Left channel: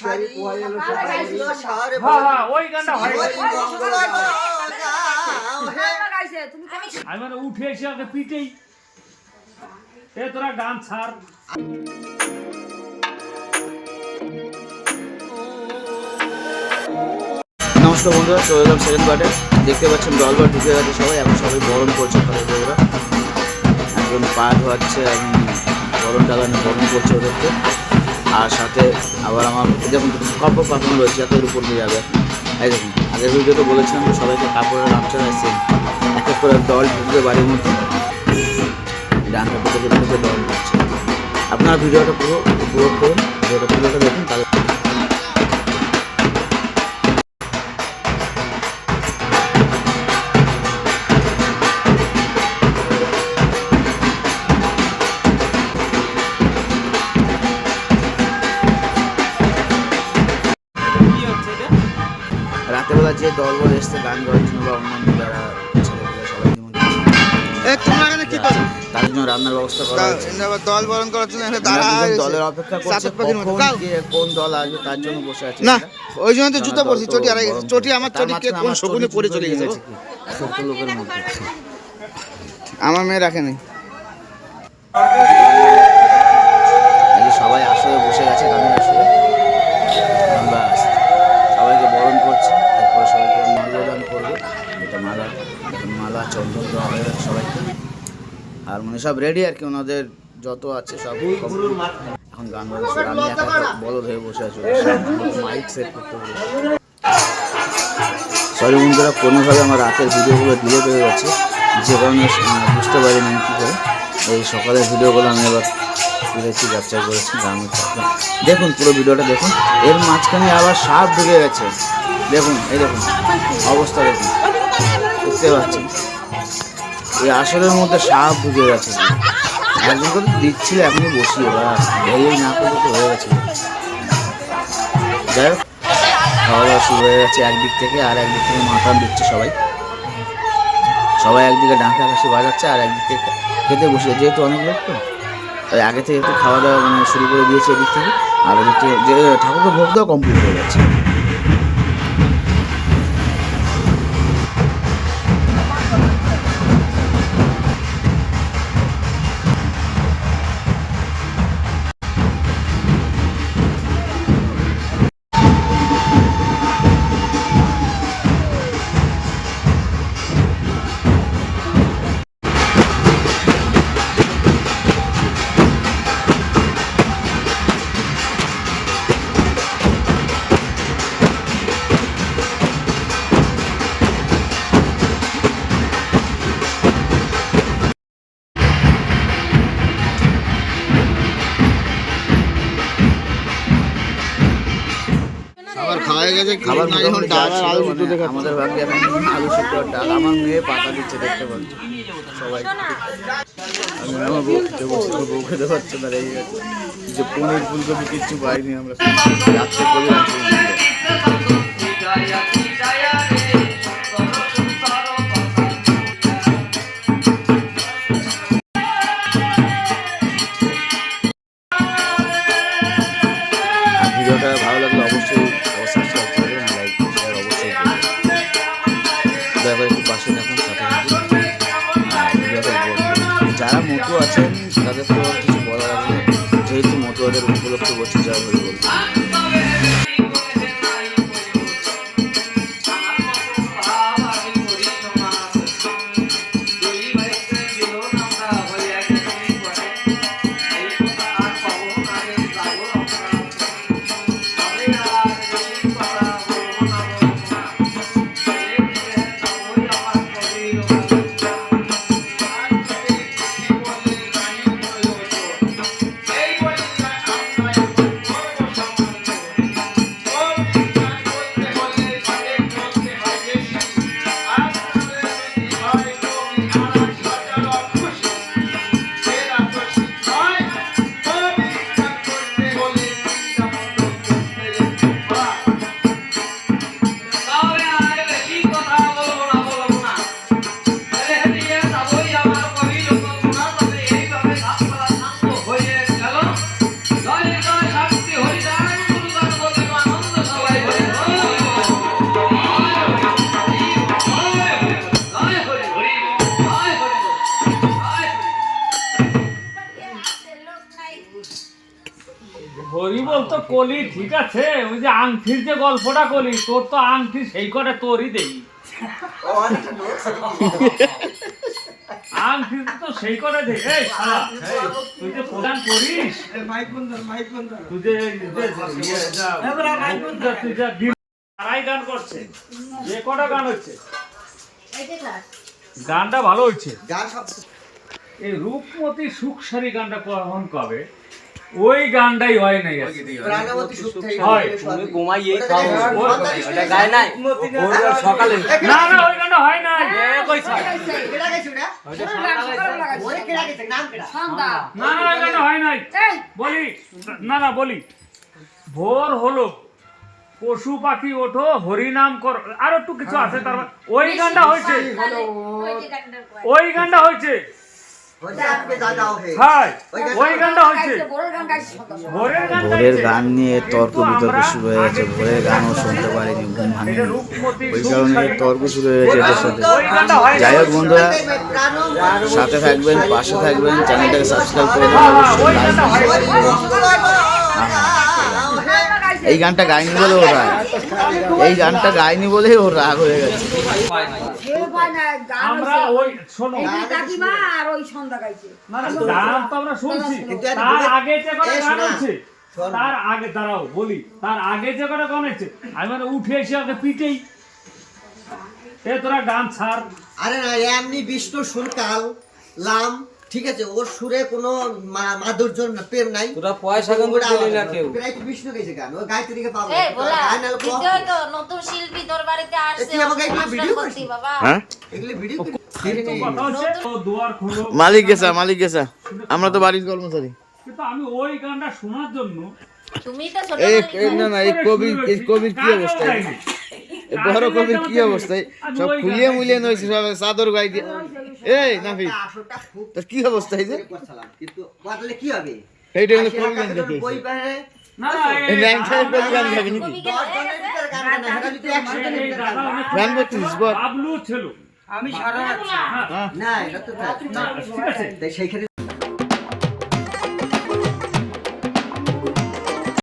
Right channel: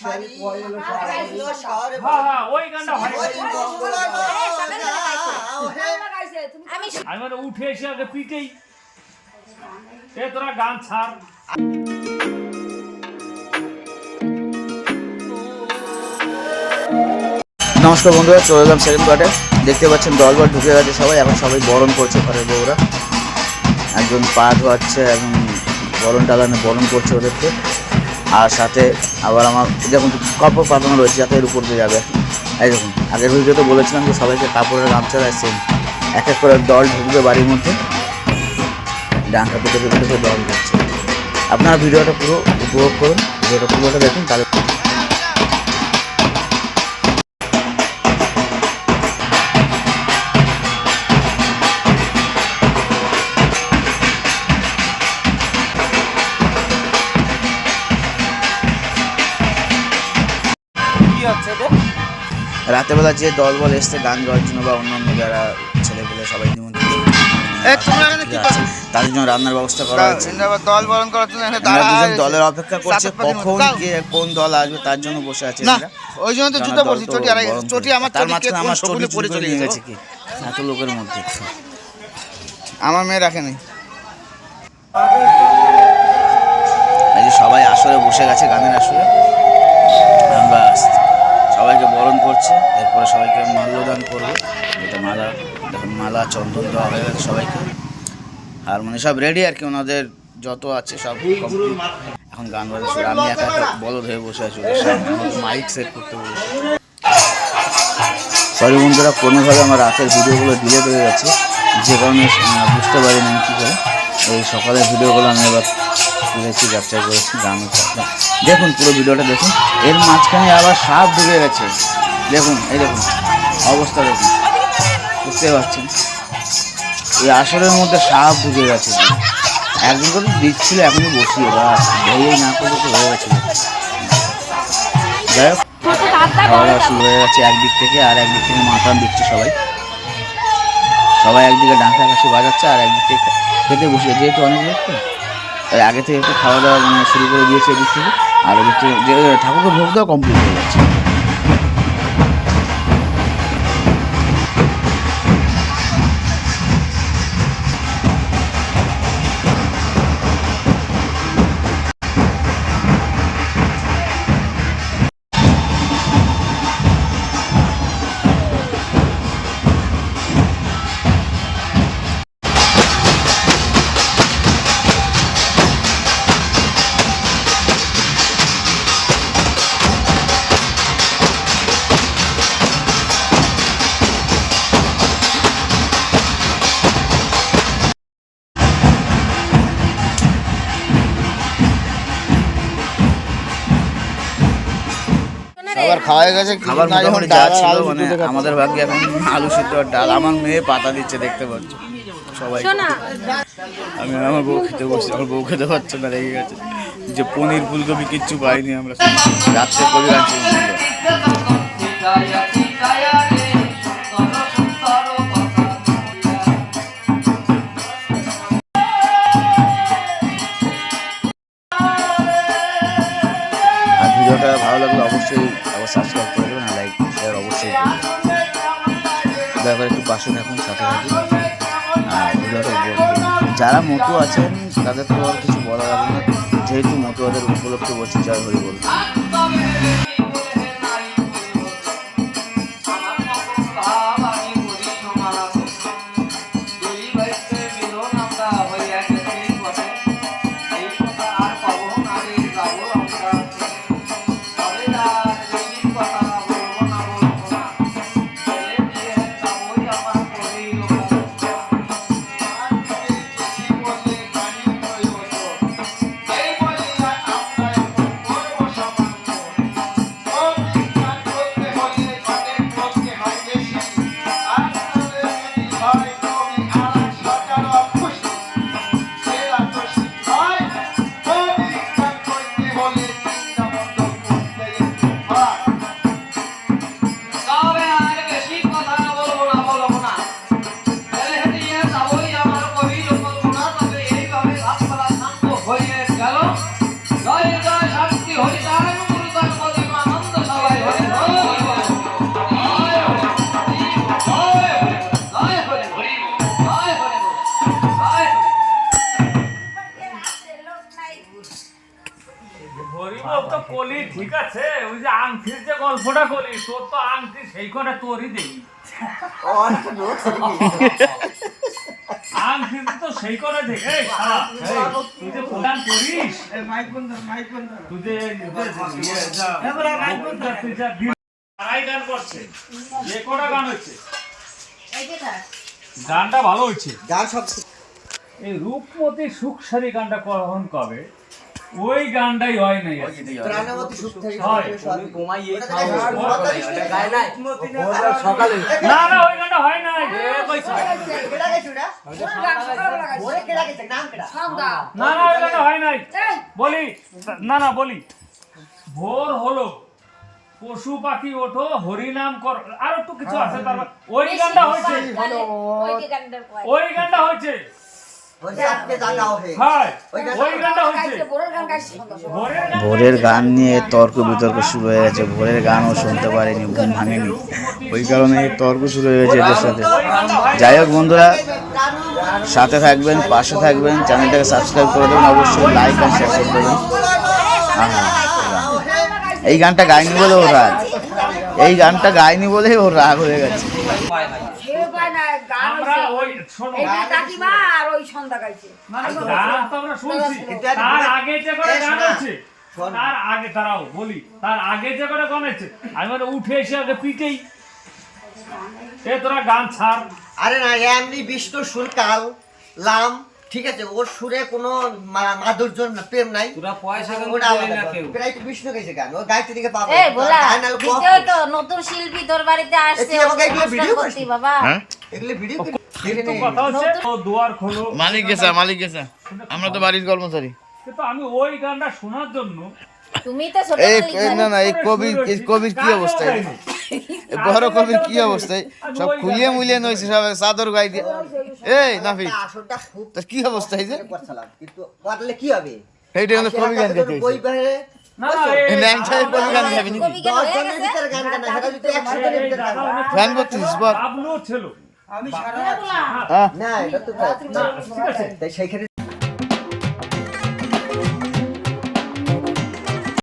সারি। মঙ্গল গাও হে। আমি মানে উঠে এসে আগে পিটেই। এ তোরা গান ছাড়। নমস্কার বন্ধুরা চলে এলাম সেকেন্ড কোয়ার্টার। দেখতে পাচ্ছেন দলবল ঢুকে গেছে সবাই এখন সবাই বরণ করছে ঘরের বউরা। একজন পা ধোয়াচ্ছে এবং বরণ টালানো বরণ করছে ওদেরকে। আর সাথে আবার আমার যেমন কাপড় পাতানো রয়েছে, যাতে এর উপর দিয়ে যাবে। এই দেখুন, আগের ভিডিও তো বলেছিলাম যে সবাইকে কাপড়ের গামছা আসছে এক এক করে দল ঢুকবে বাড়ির মধ্যে। ডানটা পেটে পেটে দল ঢুকছে। আপনারা ভিডিওটা পুরো উপভোগ করুন। ভিডিওটা পুরোটা দেখুন, তাহলে রাতেবেলা যে দলবল এসছে গান গাওয়ার জন্য বা অন্য অন্য যারা ছেলেগুলো সবাই তাদের জন্য রান্নার ব্যবস্থা করা হয়েছে। দল বরণ করার জন্য। দলের অপেক্ষা করছে সাত কখন কোন দল আসবে তার জন্য বসে আছে না ওই জন্য তো জুতো পরছি চটি আড়াই চটি আমার তার চটি কে কোন আমার পরে চলে গেছে? এত লোকের মধ্যে। আমার মেয়ে রাখেনি এই যে সবাই আসরে বসে গেছে গানের আসরে। ব্যাস সবাইকে বরণ করছে, এরপরে সবাইকে মাল্যদান করবে। এটা মালা, দেখুন, মালা, চন্দন দেওয়া হয়ে গেছে সবাইকে। আর মানে সব রেডি আর কি ওনাদের যত আছে সব complete। এখন গান বাজা শুরু, আমি একা একা বলদ হয়ে বসে আছি মাইক সেট করতে বলেছে। সরি বন্ধুরা, কোনোভাবে আমার রাতের ভিডিওগুলো ডিলেট হয়ে গেছে। যে কারণে বুঝতে পারিনি কী করে। এই সকালের ভিডিওগুলো আমি এবার তুলেছি ক্যাপচার করেছি, গান দেখুন পুরো ভিডিওটা দেখুন, এর মাঝখানে আবার সাপ ঢুকে গেছে। দেখুন, এই দেখুন, অবস্থা দেখুন। বুঝতে পারছেন? এই আসরের মধ্যে সাপ ঢুকে গেছে। একজন করে দিচ্ছিল, এখনই বসিয়ে, বা ভেয়েই না করলে তো হয়ে গেছিল যাই হোক, খাওয়া দাওয়া শুরু হয়ে গেছে একদিক থেকে, আর একদিক থেকে মাথা দিচ্ছে সবাই। সবাই একদিকে ডাঁকা কাশি বাজাচ্ছে, আর একদিক থেকে খেতে বসে যেহেতু অনেক লোক তো। আগে থেকে একটু খাওয়া দাওয়া মানে শুরু করে দিয়েছে এদিক থেকে। আর ওদিক থেকে যে, ঠাকুরকে ভোগ দেওয়া কমপ্লিট হয়ে গেছে। খাওয়া গেছে খাবার মোটামুটি যা ছিল মানে আমাদের ভাগ্যে এখন আলু সিদ্ধ আর ডাল। আমার মেয়ে পাতা দিচ্ছে দেখতে পাচ্ছ। সবাই আমি আমার বউ খেতে বসছি আমার বউ খেতে পারছে না রেগে গেছে। যে পনির ফুলকপি কিচ্ছু পাইনি আমরা। রাত্রে কবিরান দয়া একটু পাশে থাকুন সাথে থাকুন আর ভিডিওটা যারা মতো আছেন, তাদের তো আর কিছু বলার আছে না। যেহেতু মতুয়াদের উপলক্ষে বলছি যাই হরি বলব। ঠিক আছে ওই যে আংটির যে গল্পটা করি তোর তো আংটি সেই কটা তোরই দেই আংটি তো সেই কটা দেই এই শালা তুই যে প্রদান করিস তুই যে ইয়ে, তুই যা তারাই গান করছে। যে কটা গান হচ্ছে গানটা ভালো হচ্ছে গান সব এই রূপমতি সুখসারি গানটা কখন কবে? ওই গানটাই হয় নাই হয়। না না ওই গানটা হয় নাই। কেডা না না ওই গানটা হয় নাই। বলি না না বলি। ভোর হলো পশু পাখি ওঠো হরিনাম কর আর একটু কিছু আছে তারপর ওই গানটা হয়েছে। ওই গানটা হয়েছে। ভোরের গান নিয়ে তর্ক বিতর্ক শুরু হয়ে গেছে। ভোরের গানও শুনতে পারিনি ঘুম ভাঙেনি। ওই কারণে তর্ক শুরু হয়ে গেছে এদের সাথে। যাই হোক বন্ধুরা সাথে থাকবেন পাশে থাকবেন চ্যানেলটাকে সাবস্ক্রাইব করে দেবেন অবশ্যই লাইক আর শেয়ার করবেন। এই গানটা গাইনি বলে ওর। রাগ এই গানটা গাইনি বলেই ওর রাগ হয়ে গেছে। তার আগে তারাও বলি তার আগে যে করে গান আছে আমি মানে উঠে এসে আগে পিটেই। এ তোরা গান ছাড়। আরে না এমনি বিষ্ণু সুর কাল লাম ঠিক আছে ওর সুরে কোনো মা- মাধুর্য প্রেম নাই। তোরা পয়সা না কেউ? একটু বিষ্ণু গাইছে গান ও গাইতে দিকে পাবো তো নতুন শিল্পী তোর বাড়িতে আসছে তুই আমাকে এগুলো ভিডিও করছিস? বাবা। হ্যাঁ? এগুলো ভিডিও কিন্তু কথা হচ্ছে ও দুয়ার খোলো। মালিক গেছা মালিক গেছা। আমরা তো বাড়ির কর্মচারী। কিন্তু আমি ওই গানটা শোনার জন্য তুমি তো ছোট এই না না এই কবির এই কবির কি অবস্থা? এই এই বড় কবির কি অবস্থায় সব খুলিয়ে মুলিয়ে নইছে সব চাদর গাই দিয়ে। এই নাফি তোর কি অবস্থা এই যে? কিন্তু করলে কি হবে? এইটা হলো কবি গান গাইতে বই ছিল। আমি সারা হ্যাঁ, না এটা তো তাই সেইখানে